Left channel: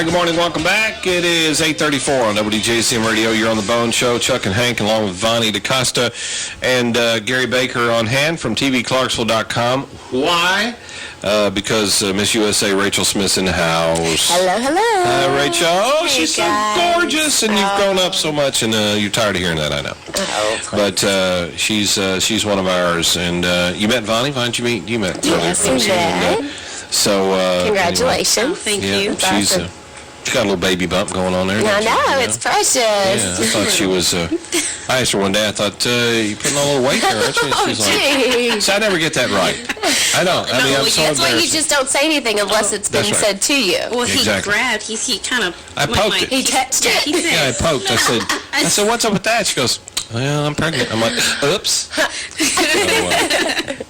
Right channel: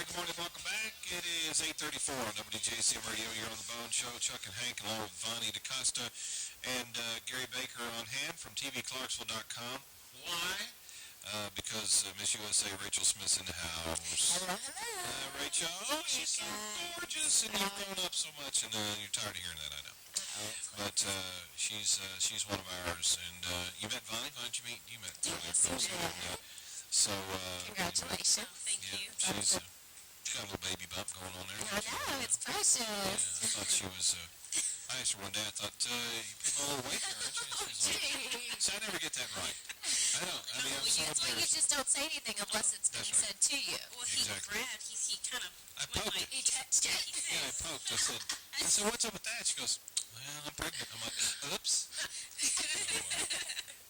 right, good morning. Welcome back. It is 8:34 on WJCM Radio. You're on the Bone Show. Chuck and Hank, along with Vonnie DaCosta and Gary Baker on hand from tvclarksville.com. Why? Because Miss USA, Rachel Smith's in the house. Hello, hello. Hi, Rachel. Oh, hey, she's guys. so gorgeous, and you've grown up so much, and you're tired of hearing that, I know. But she's one of ours, and you met Vonnie. Vonnie, did you met? Yes, we met. So congratulations. Anyway. Thank you. She's got a little baby bump going on there. I know, it's precious. Yeah, I thought she was, I asked her one day, I thought, you're putting on a little weight there, aren't you? She's like, so I never get that right. I don't. I mean, I'm so that's why you just don't say anything unless it's been said to you. Well, he grabbed, he kind of... I poked it. He touched it. Yeah, I poked. I said, what's up with that? She goes, well, I'm pregnant. I'm like, oops. So,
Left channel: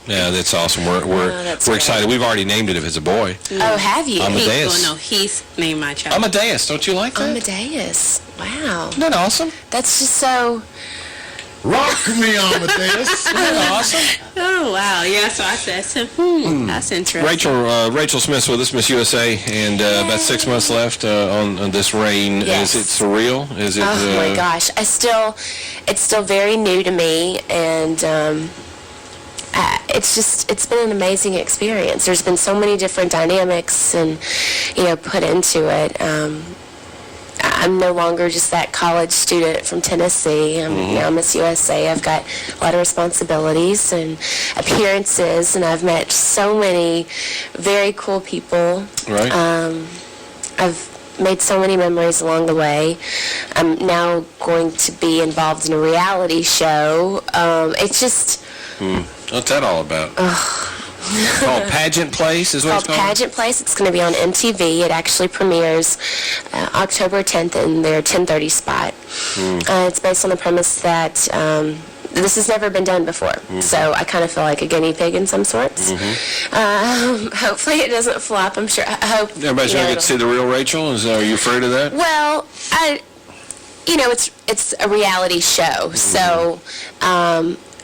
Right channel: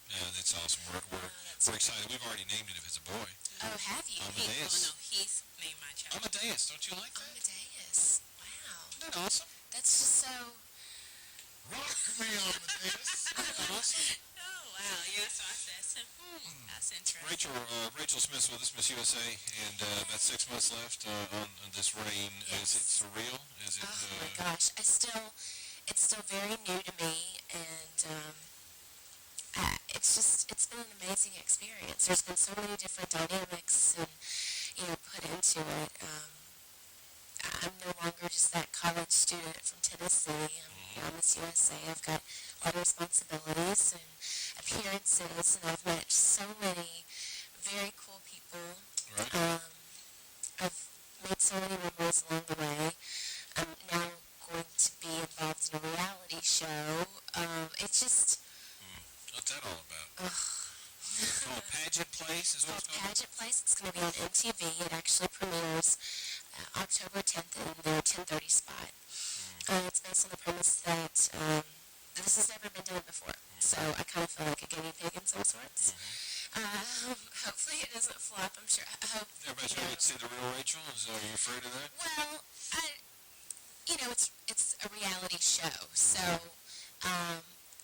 yeah, that's awesome. We're excited. We've already named it if it's a boy. Oh, have you? Amadeus. Well, no, he's named my child. Amadeus. Don't you like that? Amadeus. Wow. Isn't that awesome? That's just so... Rock me, Amadeus. Isn't that awesome? Oh, wow. Yeah, so I said, that's interesting. Rachel Smith's with us, Miss USA, and about 6 months left on this reign. Yes. Is it surreal? Is it? Oh my gosh, it's still very new to me, and it's been an amazing experience. There's been so many different dynamics and put into it. I'm no longer just that college student from Tennessee. I'm now Miss USA. I've got a lot of responsibilities and appearances, and I've met so many very cool people. Right. I've made so many memories along the way. I'm now going to be involved in a reality show. It's just... What's that all about? It's called Pageant Place, is what it's called? Pageant Place. It's going to be on MTV. It actually premieres October 10th in their 10:30 spot. It's based on the premise that this has never been done before. So I kind of feel like a guinea pig in some sorts. Hopefully it doesn't flop. I'm sure. I hope. Everybody's going to get to see the real Rachel? Are you afraid of that? Well, it's a reality show. So...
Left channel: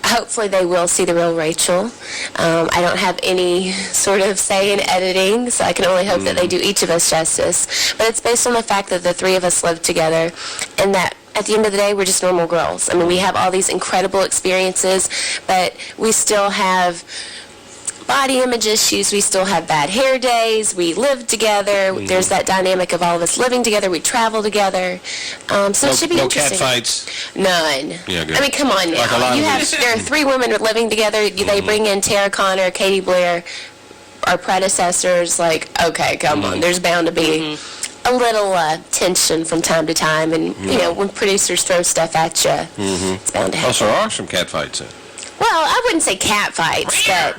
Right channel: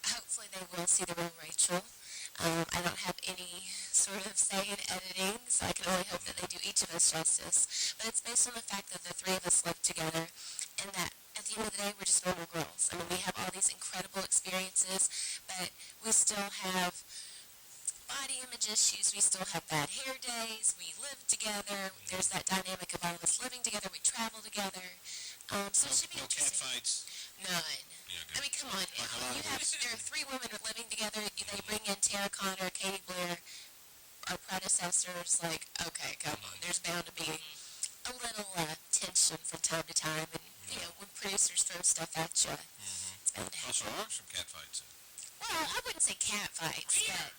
hopefully they will see the real Rachel. I don't have any sort of say in editing, so I can only hope that they do each of us justice. But it's based on the fact that the three of us live together, and that at the end of the day, we're just normal girls. I mean, we have all these incredible experiences, but we still have body image issues. We still have bad hair days. We live together. There's that dynamic of all of us living together. We travel together. So it should be interesting. No cat fights? None. Yeah, good. I mean, come on now. Like there are three women living together. They bring in Tara Connor, Katie Blair, our predecessors. Like, okay, come on. There's bound to be a little tension from time to time. And, when producers throw stuff at you, it's bound to happen. Also, there are some cat fights in. Well, I wouldn't say cat fights, but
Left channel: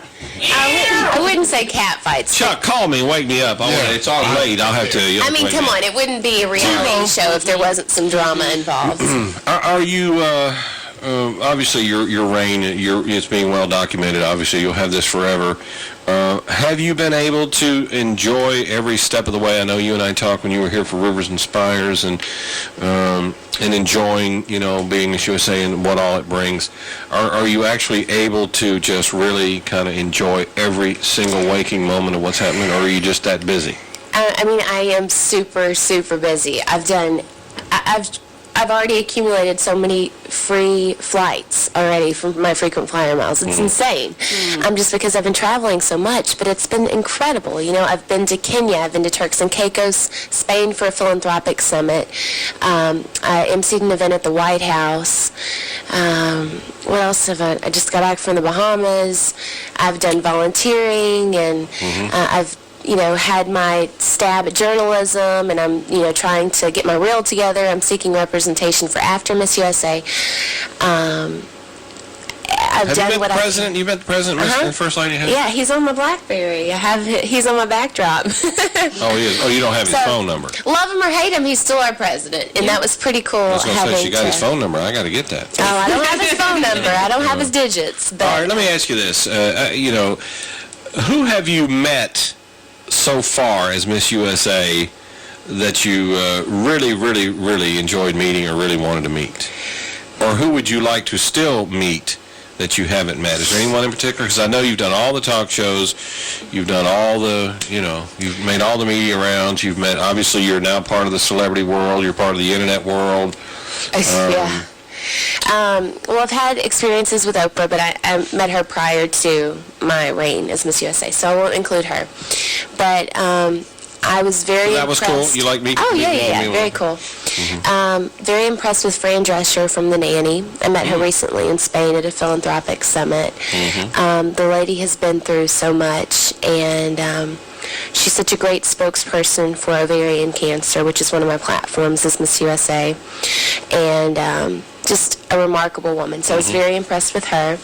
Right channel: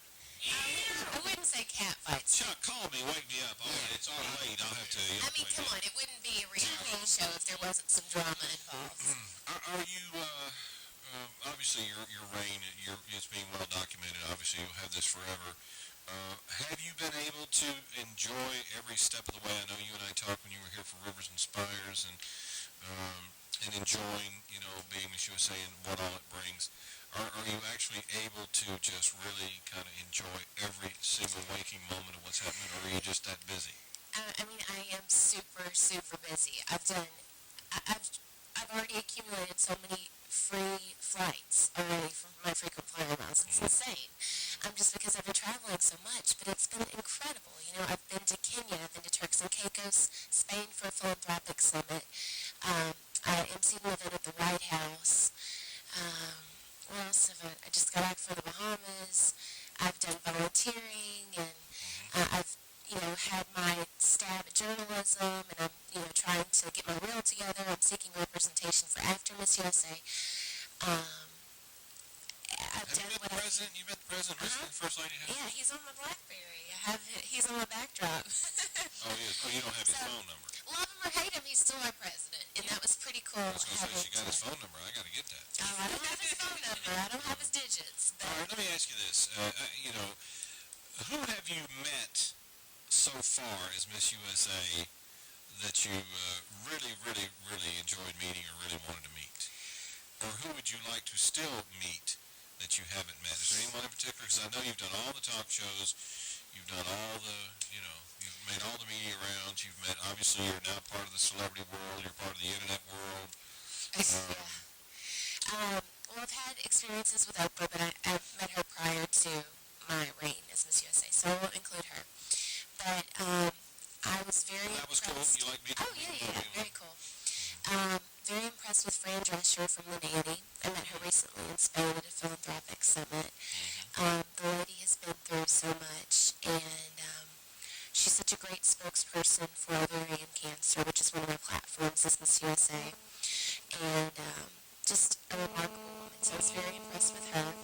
I wouldn't say cat fights. Chuck, call me, wake me up. It's all late. I'll have to. I mean, come on, it wouldn't be a reality show if there wasn't some drama involved. Are you? Obviously, your reign, it's being well documented. Obviously, you'll have this forever. Have you been able to enjoy every step of the way? I know you and I talked when you were here for Rivers and Spires, and enjoying, being Miss USA and what all it brings. Are you actually able to just really kind of enjoy every single waking moment of what's happening, or are you just that busy? I mean, I am super, super busy. I've already accumulated so many free flights already from my frequent flyer miles. It's insane. Just because I've been traveling so much, but it's been incredible. I've been to Kenya, I've been to Turks and Caicos, Spain for a philanthropic summit. I emceed an event at the White House. What else have I just got back from the Bahamas. I've done volunteering, and I've had my stab at journalism, and I'm, trying to get my reel together. I'm seeking representation for after Miss USA. I've done what President? You met the President and First Lady? Yeah, he's on my BlackBerry. He's on my backdrop. Oh, he is? Oh, you don't have his phone number? Love him or hate him, he's still our president, and that was pretty cool. I was going to say, she got his phone number. I got to get that. Oh, I don't have his phone number. I don't have his digits. But... All right, let me ask you this. Who have you met so far as Miss USA that you really, really, really enjoyed meeting or really wanted to meet? Or who would you like to still meet that you haven't met? Is there anyone in particular? Because I know you've done all the talk shows, you've done all the, you've made all the media rounds, you've met, obviously you're now part of the celebrity world, you're part of the internet world. Yeah. Well, I've had experiences with Oprah, but I met her prior to my reign as Miss USA, so I won't include her. But I was very That was impressed. cool? You like me? Oh, yeah. Very cool. Very impressed with Fran Drescher from The Nanny. I met her recently in Spain at a philanthropic summit. The lady has been through so much, and she's such a great spokesperson for ovarian cancer, which is one of my platforms as Miss USA, and just a remarkable woman. So I was very impressed with her.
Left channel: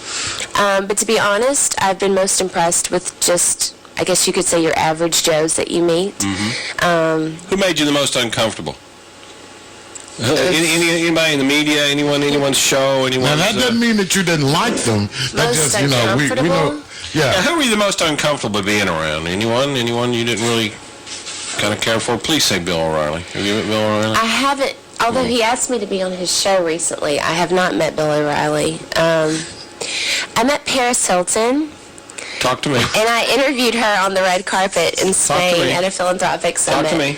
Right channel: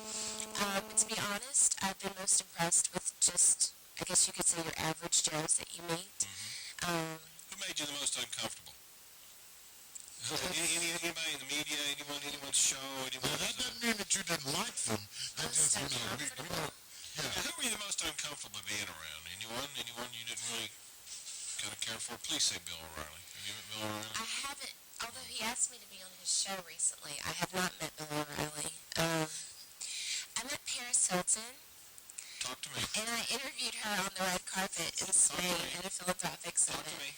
But to be honest, I've been most impressed with just, I guess you could say, your average Joes that you meet. Who made you the most uncomfortable? Anybody in the media? Anyone's show? Now, that doesn't mean that you didn't like them. That Most just, we know. uncomfortable? Yeah, Yeah. who were you the most uncomfortable being around? Anyone you didn't really kind of care for? Please say Bill O'Reilly. Have you met Bill O'Reilly? I haven't, although he asked me to be on his show recently, I have not met Bill O'Reilly. I met Paris Hilton, Talk to me. and I interviewed her on the red carpet in me. Spain at a philanthropic summit. Talk to me.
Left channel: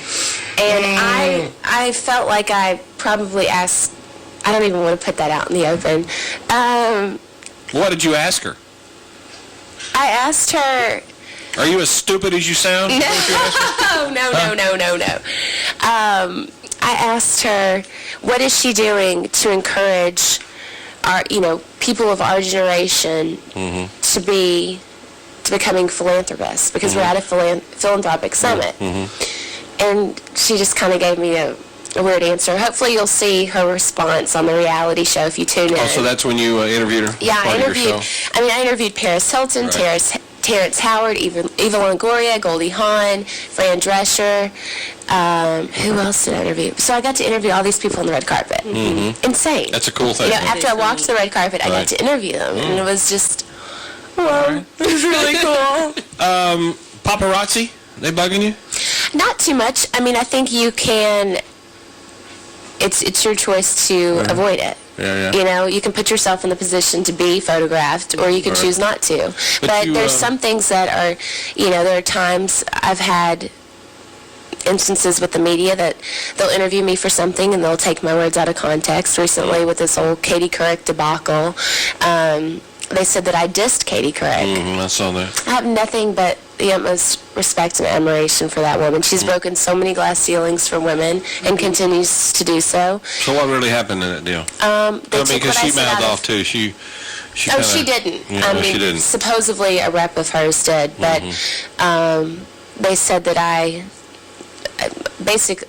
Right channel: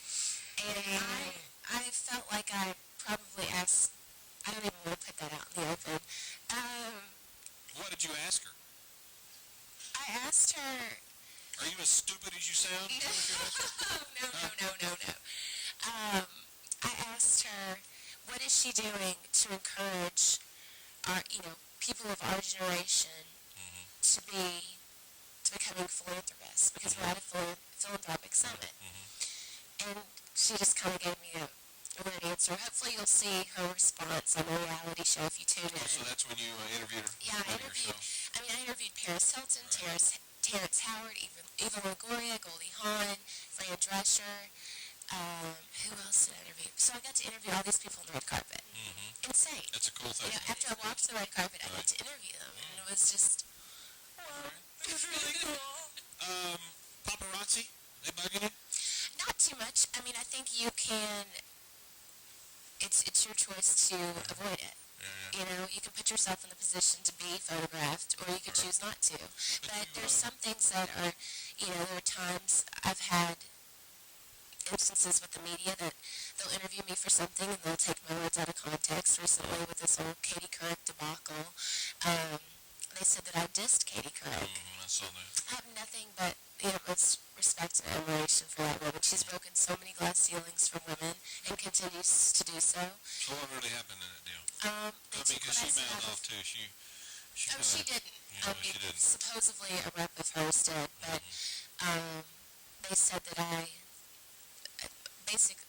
And I felt like I probably asked, I don't even want to put that out in the open. What did you ask her? I asked her, Are you as stupid as you sound? no. I asked her, what is she doing to encourage our, people of our generation to becoming philanthropists? Because we're at a philanthropic summit. And she just kind of gave me a weird answer. Hopefully you'll see her response on the reality show if you tune in. Oh, so that's when you interviewed her? Yeah, Part of your show? I interviewed Paris Hilton, Right. Terrence Howard, Eva Longoria, Goldie Hawn, Fran Drescher. Who else did I interview? So I got to interview all these people on the red carpet. Insane. That's a cool thing. After I walked the red carpet, I got Right. to interview them, and it was just, whoa, it was really cool. Paparazzi? They bugging you? Not too much. I mean, I think you can. It's your choice to avoid it. Yeah. You can put yourself in the position to be photographed, or you can Right. choose not to. But But you, there's some things that are, there are times I've had instances with the media that they'll interview me for something and they'll take my words out of context. Recently with this whole Katie Couric debacle, they said that I dissed Katie Couric. I saw that. I have nothing but the utmost respect and admiration for that woman. She's broken so many glass ceilings for women and continues to do so. So what really happened in that deal? They took Because what I she said mouthed out off too. She Oh, kinda, she didn't. Yeah, she didn't. Supposedly a rep of hers did, but they said that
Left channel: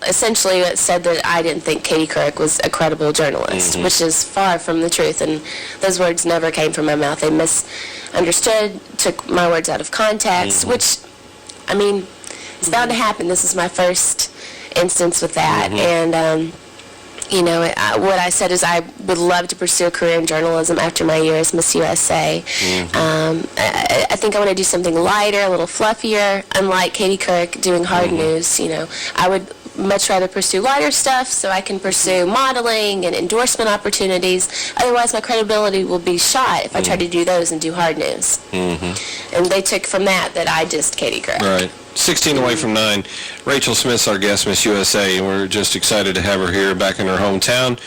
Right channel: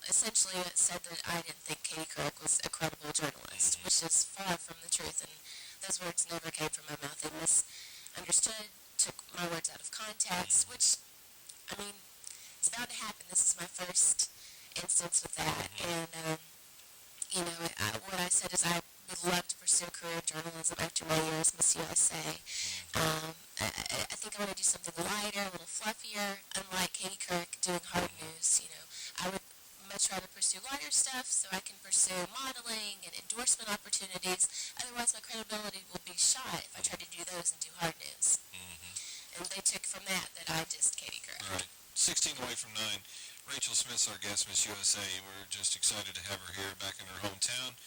essentially it said that I didn't think Katie Couric was a credible journalist, which is far from the truth, and those words never came from my mouth. They misunderstood, took my words out of context, which, it's bound to happen. This is my first instance with that, and what I said is I would love to pursue a career in journalism after my year as Miss USA. I think I want to do something lighter, a little fluffier, unlike Katie Couric doing hard news. I would much rather pursue lighter stuff so I can pursue modeling and endorsement opportunities. Otherwise, my credibility will be shot if I try to do those and do hard news. And they took from that I dissed Katie Couric. Right. 16 away from 9. Rachel Smith's our guest, Miss USA, and we're just excited to have her here back in her hometown.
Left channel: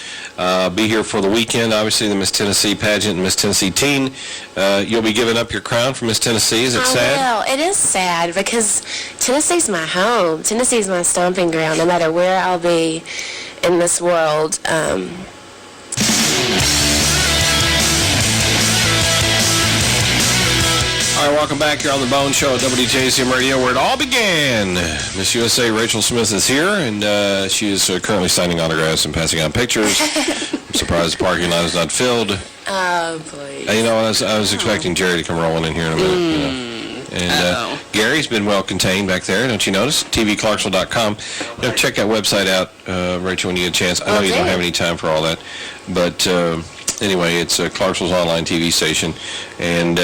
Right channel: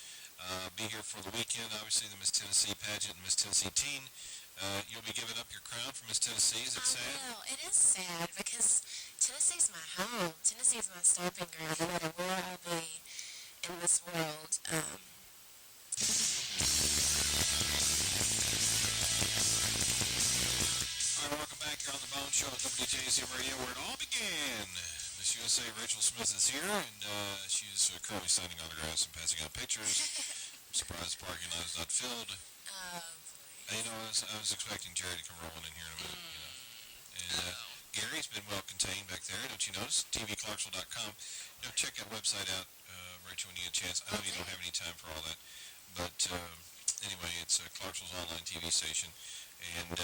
Be here for the weekend, obviously, the Miss Tennessee pageant and Miss Tennessee teen. You'll be giving up your crown for Miss Tennessee. Is it sad? Well, it is sad because Tennessee's my home. Tennessee's my stomping ground, no matter where I'll be in this world. All right, welcome back here on the Bone Show at WJZM Radio, where it all began. Miss USA Rachel Smith is here, and she is currently signing autographs and passing out pictures. I'm surprised the parking lot is not filled. Oh, please. I was expecting Jerry to come rolling in here in a minute. And Gary's been well contained back there, don't you notice? tvclarksville.com. Check that website out, Rachel, when you get a chance. I know you don't have any time for all that, but anyway, it's Clarksville's online TV station. And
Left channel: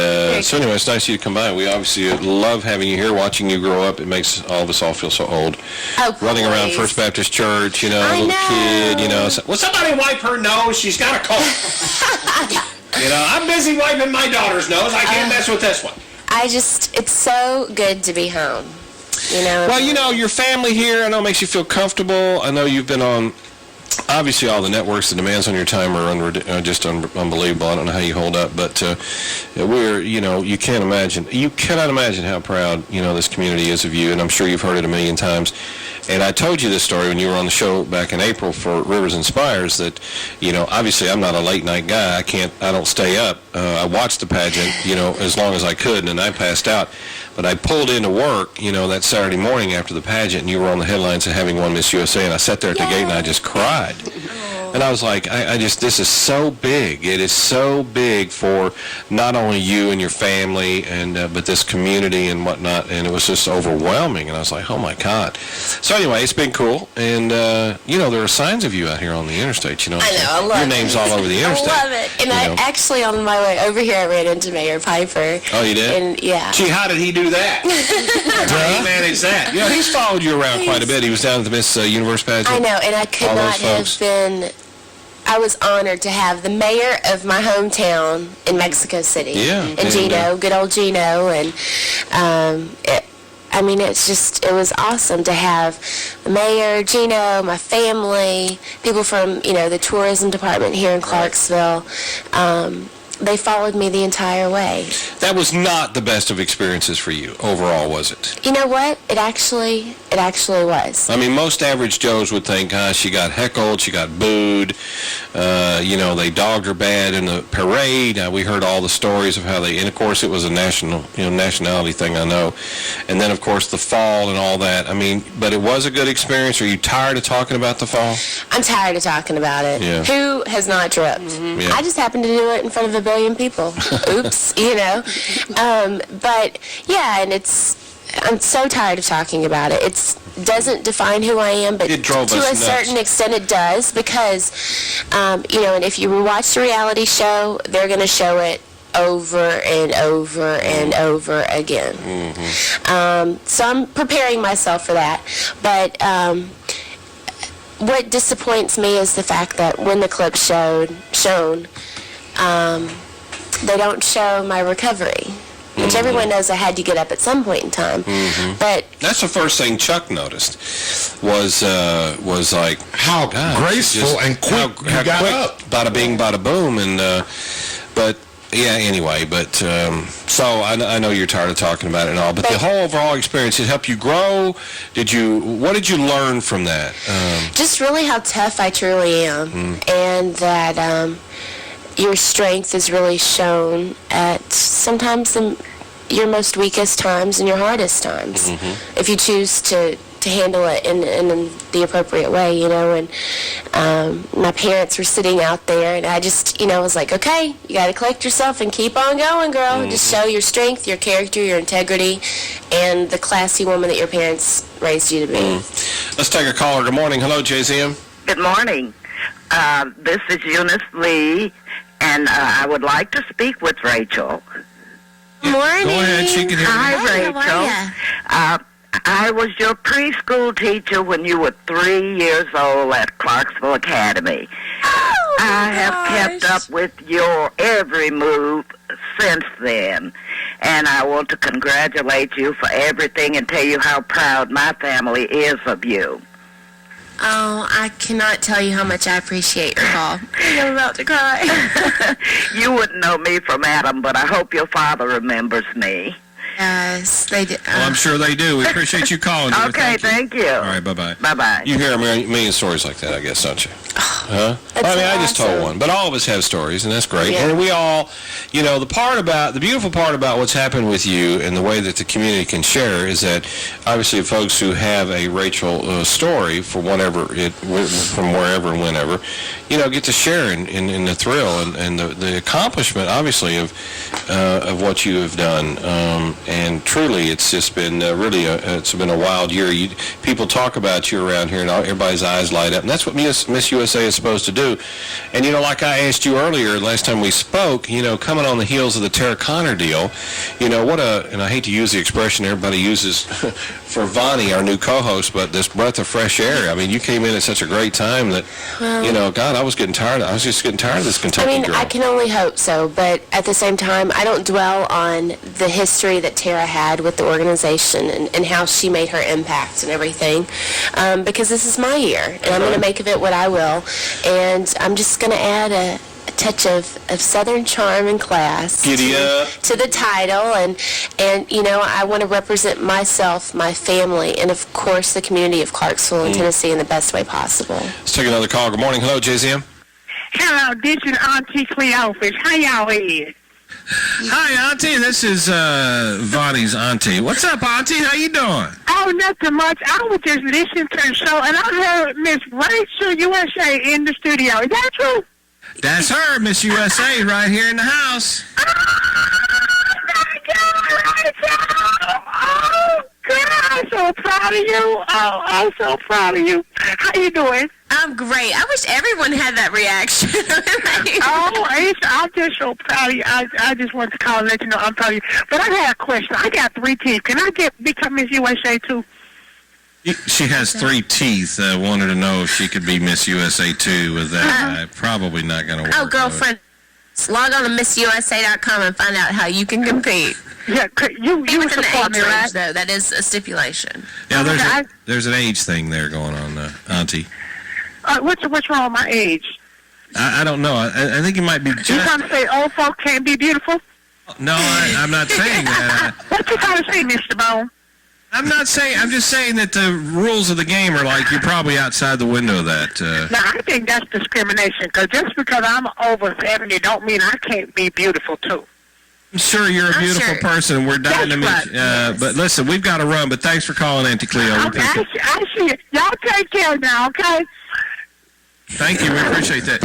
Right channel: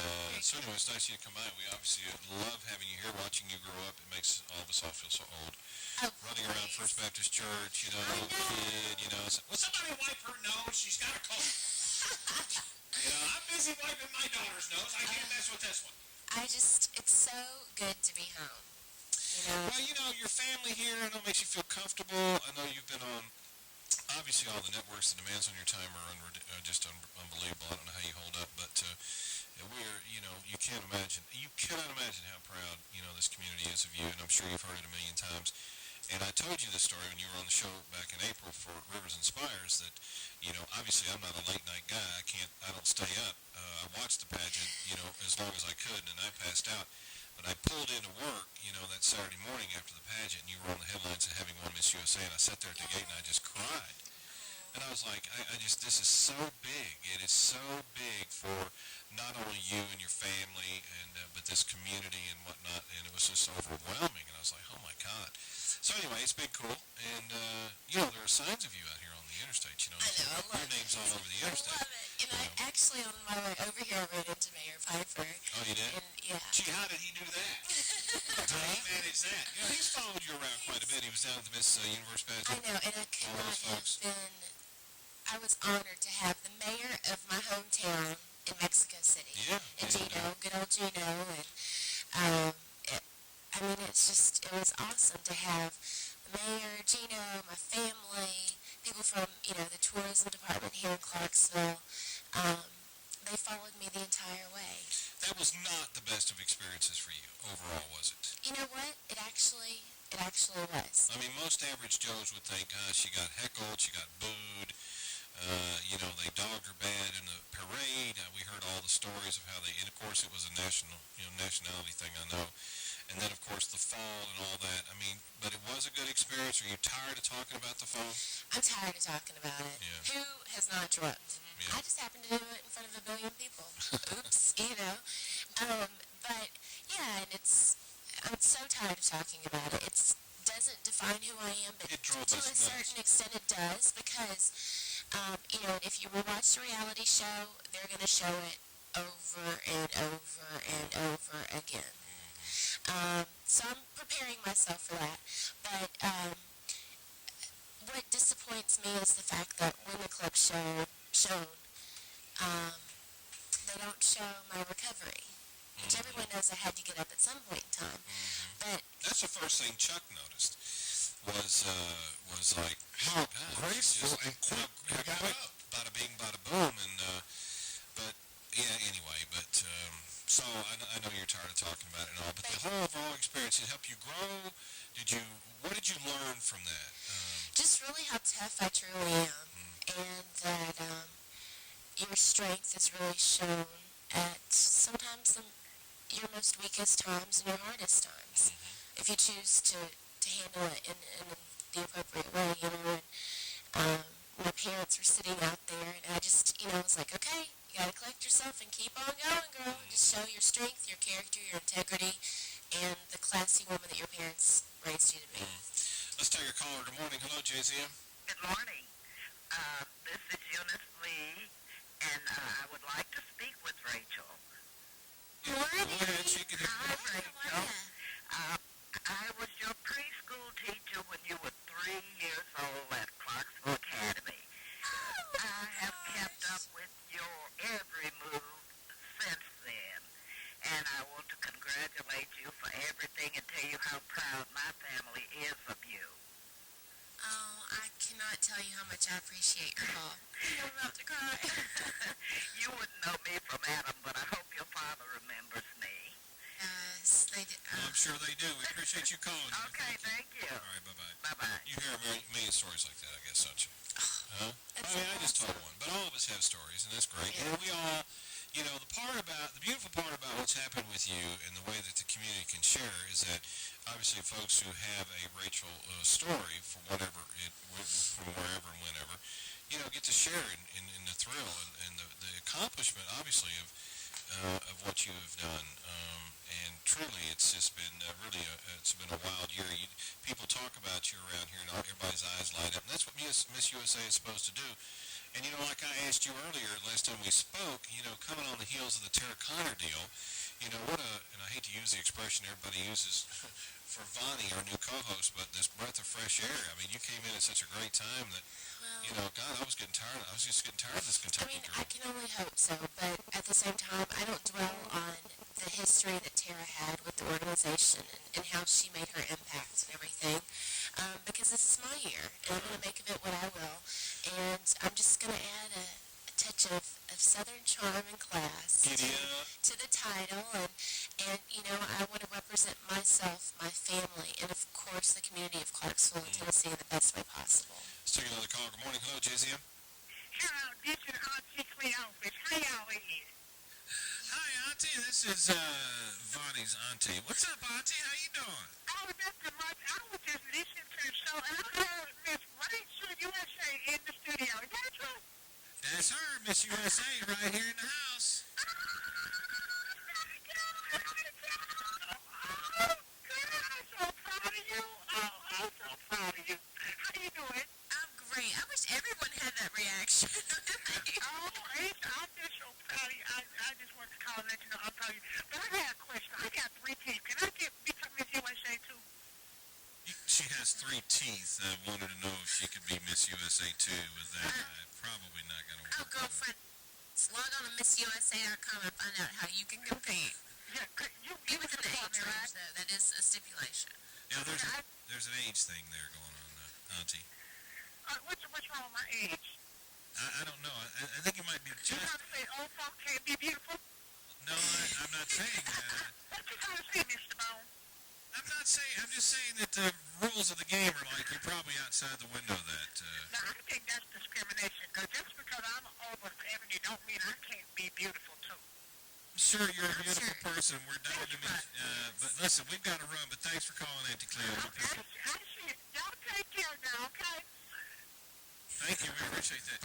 so anyway, it's nice of you to come by. We obviously love having you here, watching you grow up. It makes all of us all feel so old. Oh, running around please. First Baptist Church, I little know. kid, Will somebody wipe her nose? She's got a cold. You know, I'm busy wiping my daughter's nose. I can't mess with this one. It's so good to be home. You know. Well, you know, your family here, I know, makes you feel comfortable. I know you've been on, obviously, all the networks. The demands on your time are just unbelievable. I don't know how you hold up, but you cannot imagine how proud, this community is of you, and I'm sure you've heard it a million times. And I told you this story when you were on the show back in April for Rivers and Spires that, obviously I'm not a late night guy. I don't stay up. I watched the pageant, as long as I could, and then I passed out. But I pulled into work, that Saturday morning after the pageant, and you were on the headlines of having won Miss USA, and I sat there at the gate and I just cried. And I was like, this is so big. It is so big for not only you and your family, but this community and whatnot. And it was just overwhelming. And I was like, oh my God. So anyway, it's been cool. And there are signs of you out here on the interstate. I know, I love it. Your name's all over the interstate. I love it. And I actually, on my way over here, I ran into Mayor Piper. Oh, you did? And yeah. Gee, how did he do that? How did he manage that? He's followed you around quite a bit. He was down at the Miss Universe pageant. I know, and I could all not those have been. I was honored to have the mayor of my hometown in Mexico City. Yeah. And Gino, good old Gino. And it was awesome to have the mayor, Gino, my family, people from, the tourism department here in Clarksville. They followed me the entire way. That was not the best of experiences for you overall, was it? You know what? It actually was. I mean, most average Joes would think, she got heckled, she got booed, they dogged her bad in the parade. We heard all the stories of how and of course it was a nationality thing, I know. And then, of course, the fall and all that. I mean, but it was a good experience. Are you tired of talking about the fall? I'm tired of talking about it. Yeah. Who has not tripped? Mm-hmm. Yeah. I just happened to do it in front of 1 billion people. Oops, But, yeah, and I'm so tired of talking about it. It doesn't define who I am, but it drove to us a nuts. certain extent it does because, and if you watch the reality show, they're going to show it over and over and over again. Mm-hmm. So I'm preparing myself for that. But what disappoints me is the fact that when the clip's shown, they don't show my recovery. Which everyone knows I had to get up at some point in time. Mm-hmm. But that's the first thing Chuck noticed was like how graceful and quick how you got quick, up. Bada bing, bada boom, and but yeah. Anyway, but so I know you're tired of talking about it and all, but the whole overall experience, it helped you grow. What did you learn from that? Just really how tough I truly am, and that. Your strength is really shown at sometimes your most weakest times and your hardest times. Mm-hmm. If you choose to handle it in the appropriate way, and my parents were sitting out there, and I just, was like, okay, you got to collect yourself and keep on going, girl. Mm-hmm. Just show your strength, your character, your integrity, and the classy woman that your parents raised you to be. Mm-hmm. Let's take a caller. Good morning. Hello, JZM. Good morning. This is Eunice Lee. And I would like to speak with Rachel. Good morning. Go ahead. She can hear you. Hi, Rachel. I was your preschool teacher when you were 3 years old at Clarksville Academy. Oh, I have kept up with your every move since then. And I want to congratulate you for everything and tell you how proud my family is of you. Oh, I cannot tell you how much I appreciate your call. I'm about to cry. You wouldn't know me from Adam, but I hope your father remembers me. Yes, they do. Well, I'm sure they do. We appreciate you calling. Okay, thank you. All right, bye-bye. Bye-bye. You hear a million stories like that, I guess, don't you? Huh? That's I just told awesome. one. But all of us have stories, and that's great. Yeah. And we all, the beautiful part about what's happened with you and the way that the community can share is that, obviously, folks who have a Rachel story from wherever and whenever, get to share in the thrill and the accomplishment, obviously, of what you have done. And truly, it's just been it's been a wild year. People talk about you around here, and everybody's eyes light up. And that's what Miss USA is supposed to do. And, like I asked you earlier, last time we spoke, coming on the heels of the Tara Conner deal, and I hate to use the expression everybody uses for Vonnie, our new co-host, but this breath of fresh air. I mean, you came in at such a great time that, God, I was getting tired. I was just getting tired of this I Kentucky mean, girl. I can only hope so, but at the same time, I don't dwell on the history that Tara had with the organization and how she made her impact and everything, because this is my year, and I'm going to make of it what I will, and I'm just going to add a touch of Southern charm and class Giddy up. to the title, and you know, I want to represent myself, my family, and of course the community of Clarksville and Tennessee in the best way possible. Let's take another call. Good morning. Hello, JZM. Hello, this is Auntie Cleophas. How y'all is? Hi, Auntie. This is Vonnie's auntie. What's up, Auntie? How you doing? Oh, nothing much. I was just listening to the show, and I heard Miss Rachel USA in the studio. Is that true? That's her, Miss USA, right here in the house. Oh, my God, Rachel! Oh, God, I'm so proud of you. Oh, I'm so proud of you. How you doing? I'm great. I wish everyone had that reaction. Oh, I'm just so proud of you. I just wanted to call and let you know I'm proud of you. But I had a question. I got 3 teeth. Can I become Miss USA, too? She has 3 teeth. Wanted to know if she could be Miss USA, too, with that. Probably not going to work. Oh, girlfriend, log on to MissUSA.com and find out how you can compete. Yeah, you Within the support age me, right? range, though. That is a stipulation. Yeah, there's an age thing there going on, Auntie. What's wrong with my age? I don't know. I think it might be You just... trying to say old folk can't be beautiful? No, I'm not saying that. What you trying to say, Mr. Bone? I'm not saying... I'm just saying that the rules of the game are like you're probably outside the window of that. No, I think that's discrimination, because just because I'm over 70 don't mean I can't be beautiful, too. I'm sure you're a beautiful person. We're dying to meet That's you. right. But listen, we've got to run. But thanks for calling, Auntie Cleo. We appreciate it. I see it. Y'all take care now, okay? Thank you. We appreciate that.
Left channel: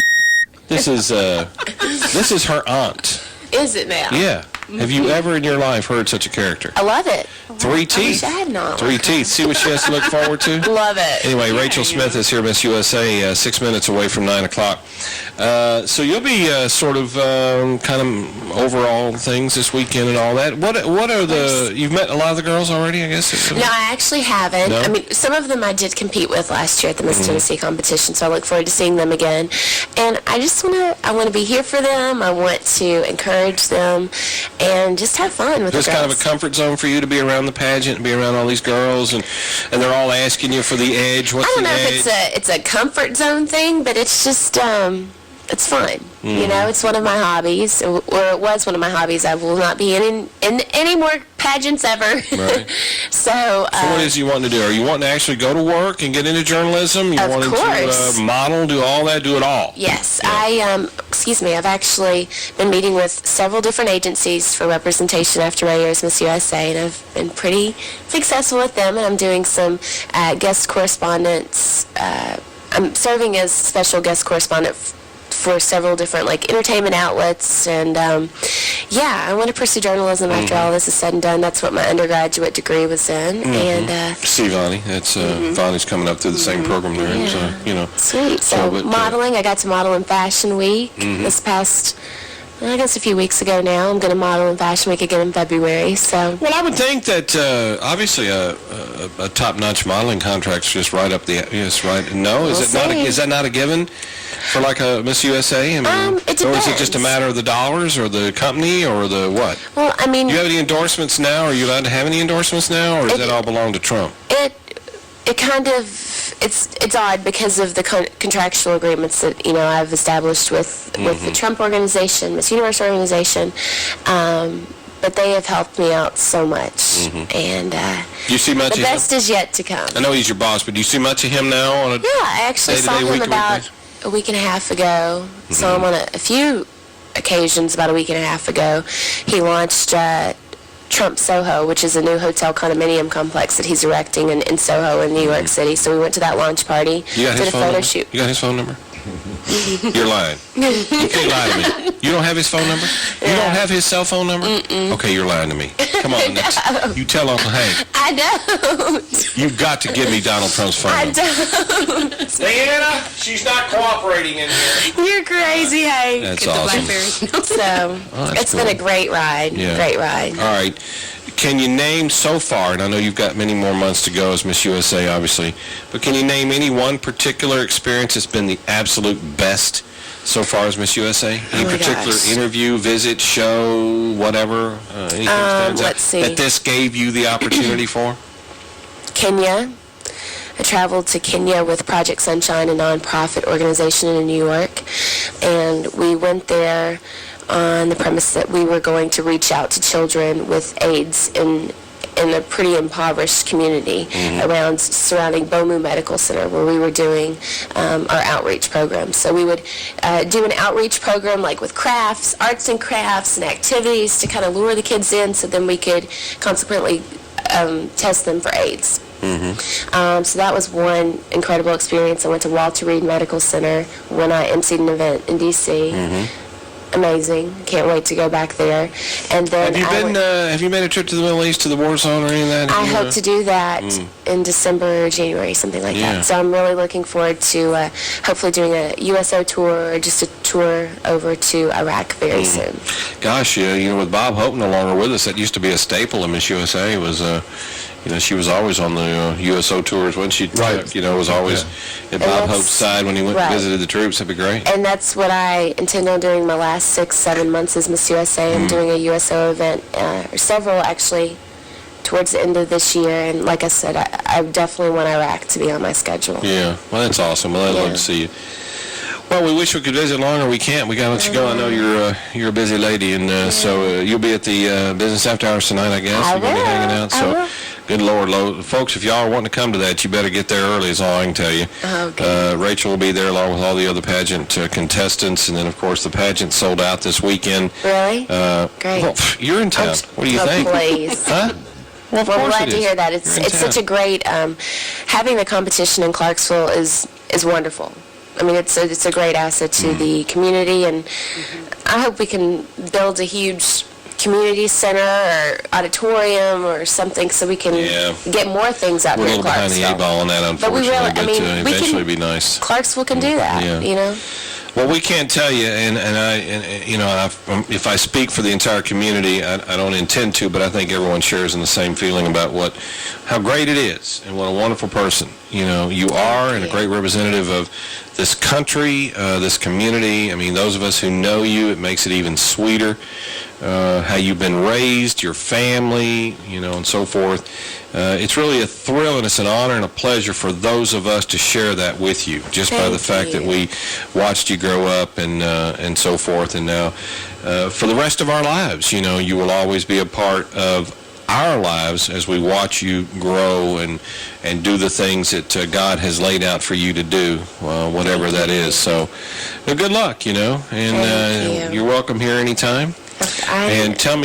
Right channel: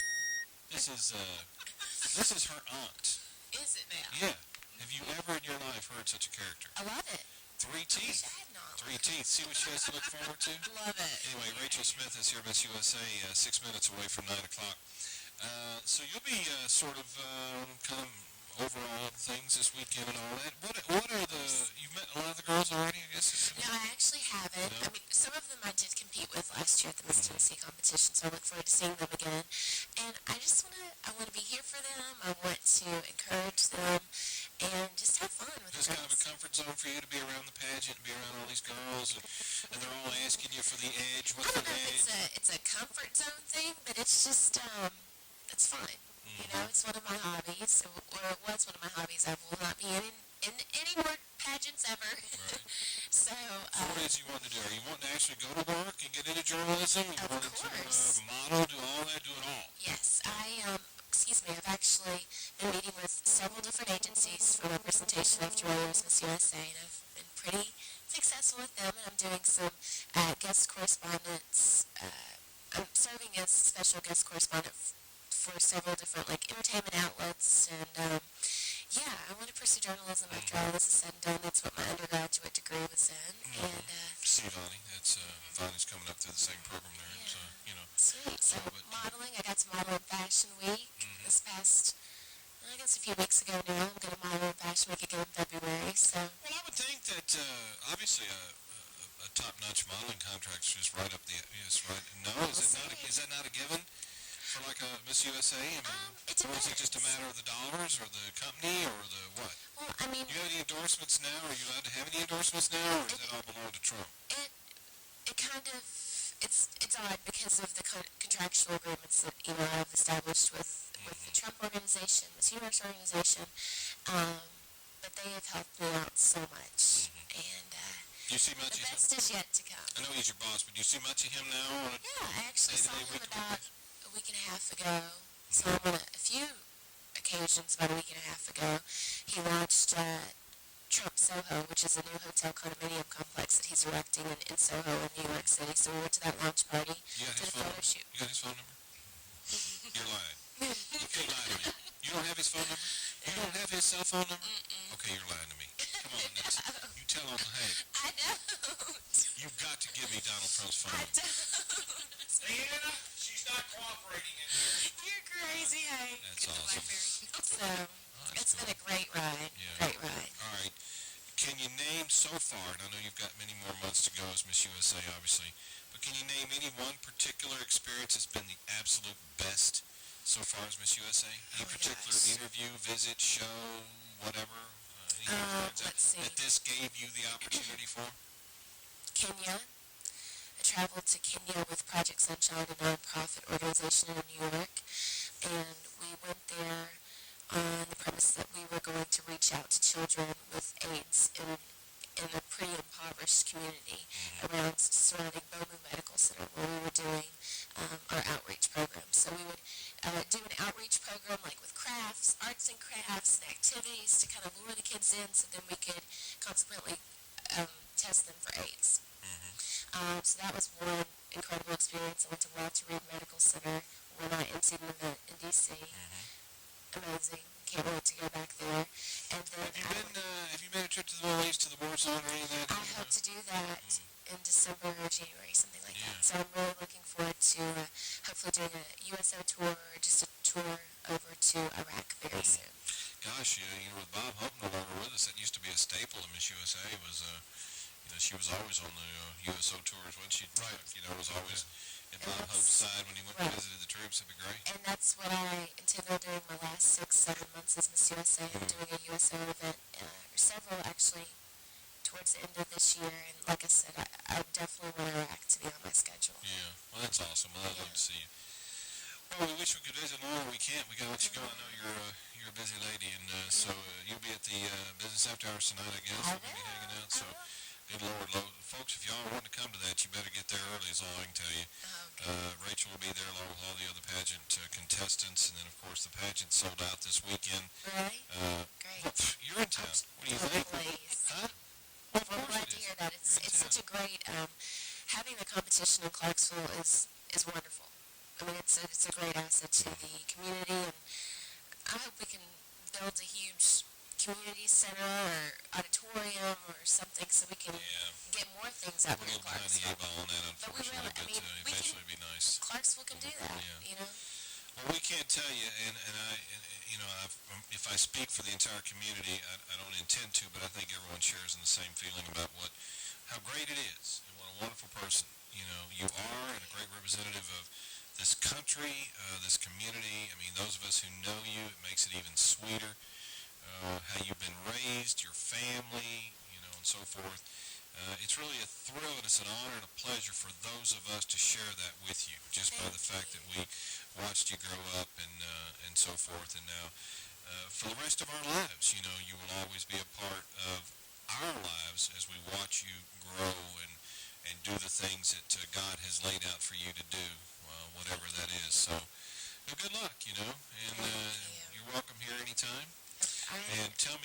This is her aunt. Is it now? Yeah. Have you ever in your life heard such a character? I love it. 3 teeth. I wish I had an aunt 3 like teeth. See what she has to look forward to? Love it. Anyway, Rachel Smith is here, Miss USA, 6 minutes away from 9 o'clock. So you'll be sort of kind of overall things this weekend and all that. What are the... You've met a lot of the girls already, I guess? No, I actually haven't. No? I mean, some of them I did compete with last year at the Miss Tennessee competition, so I look forward to seeing them again. And I just want to be here for them. I want to encourage them and just have fun with It's the kind girls. of a comfort zone for you to be around the pageant and be around all these girls, and they're all asking you for the edge. What's I don't the know edge? if it's a comfort zone thing, but it's just it's fun. You know, it's one of my hobbies, or it was one of my hobbies. I will not be in any more pageants ever. Right. So, So what is you wanting to do? Are you wanting to actually go to work and get into journalism? You Of wanting course. to model, do all that, do it all? yes, I've actually been meeting with several different agencies for representation after my year as Miss USA, and I've been pretty successful with them, and I'm doing some guest correspondence. I'm serving as special guest correspondent for several different entertainment outlets, and I want to pursue journalism after all this is said and done. That's what my undergraduate degree was in, and See, Vonnie, that's Vonnie's coming up through the same program there, Yeah. so you know. sweet. So but, modeling, I got to model in Fashion Week this past, I guess a few weeks ago now. I'm going to model in Fashion Week again in February. So Well, I would think that obviously a top-notch modeling contract's just right up the right. No, We'll is that not a given for like a Miss USA? I mean, it or is it just a depends. matter of the dollars or the company or the what? well, I mean, Do you have any endorsements now? Are you allowed to have any endorsements now, or does It- that all belong to Trump? it kind of it's odd because of the contractual agreements that I've established with the Trump organization, Miss Universe organization, but they have helped me out so much, and Do you see much the of him? best is yet to come. I know he's your boss, but do you see much of him now on a Yeah, I actually saw day-to-day, him week-to-week about basis? a week and a half ago. Saw him on a few occasions about a week and a half ago. He launched Trump Soho, which is a new hotel condominium complex that he's erecting in Soho in New York City. So we went to that launch party, You got did his a phone photo number? shoot. You got his phone number? You're lying. You can't lie to me. You don't have his phone number? You don't have his cell phone number? Okay, you're lying to me. Come on, you tell Uncle Hank. I don't. You've got to give me Donald Trump's phone I number. don't. Diana, she's not cooperating in here. You're crazy, Hank. That's Get the awesome. Blackberry. So Oh, that's it's been cool. a great ride. Yeah. Great ride. All right. can you name so far, and I know you've got many more months to go as Miss USA, obviously, but can you name any one particular experience that's been the absolute best so far as Miss USA? Any my particular gosh. interview, visit, show, whatever? Anything stands out let's see. that this gave you the opportunity for? Kenya. I traveled to Kenya with Project Sunshine, a nonprofit organization in New York, and we went there on the premise that we were going to reach out to children with AIDS in a pretty impoverished community around surrounding Bomu Medical Center, where we were doing our outreach program. So we would do an outreach program like with crafts, arts and crafts and activities to kind of lure the kids in so then we could consequently test them for AIDS. So that was one incredible experience. I went to Walter Reed Medical Center when I emceed an event in D.C. Amazing. Can't wait to go back there. And then Have you made a trip to the Middle East, to the war zone or any of that? I hope to do that in December or January, something like that. So I'm really looking forward to hopefully doing a U.S.A. tour or just a tour over to Iraq very soon. Gosh, with Bob Hope no longer with us, that used to be a staple in Miss USA. Was she was always on the USO tours, wasn't she? Right. Was always at Bob that's- Hope's side when he went and right. visited the troops. That'd be great. And that's what I intend on doing my last 6-7 months as Miss USA. I'm doing a USO event, or several actually, towards the end of this year. And like I said, I definitely want Iraq to be on my schedule. Yeah, well, that's awesome. Well, I'd love Yeah. to see you. Well, we wish we could visit longer. We can't. We got to let you go. I know you're a busy lady, and so you'll be at the business after hours tonight, I guess. I You're going to be will. hanging out. I So, will. good Lord, folks, if y'all are wanting to come to that, you better get there early. Is all I can tell you. Okay. Rachel will be there along with all the other pageant contestants, and then of course the pageant sold out this weekend. Really? Great. Well, you're in town. What do you think? Please. Huh? Well, of Well, I'm course glad it to is. hear that. You're It's in it's town. such a great having the competition in Clarksville is wonderful. I mean, it's a great asset to the community, and I hope we can build a huge community center or auditorium or something so we can Yeah. get more things out We're a here in little behind the Clarksville. eight ball on that, But we unfortunately, really, I mean, we eventually can, it'd be nice. Clarksville can do that, Yeah. you know? Well, we can't tell you, and if I speak for the entire community, I don't intend to, but I think everyone shares in the same feeling about how great it is and what a wonderful person you are, and a great representative of this country, this community. I mean, those of us who know you, it makes it even sweeter. How you've been raised, your family, and so forth. It's really a thrill, and it's an honor and a pleasure for those of us to share that with you, just by the fact that we watched you grow up and so forth. And now, for the rest of our lives, you will always be a part of our lives as we watch you grow and do the things that God has laid out for you to do, whatever that is. So, good luck, and Thank you. you're welcome here anytime. I And tell me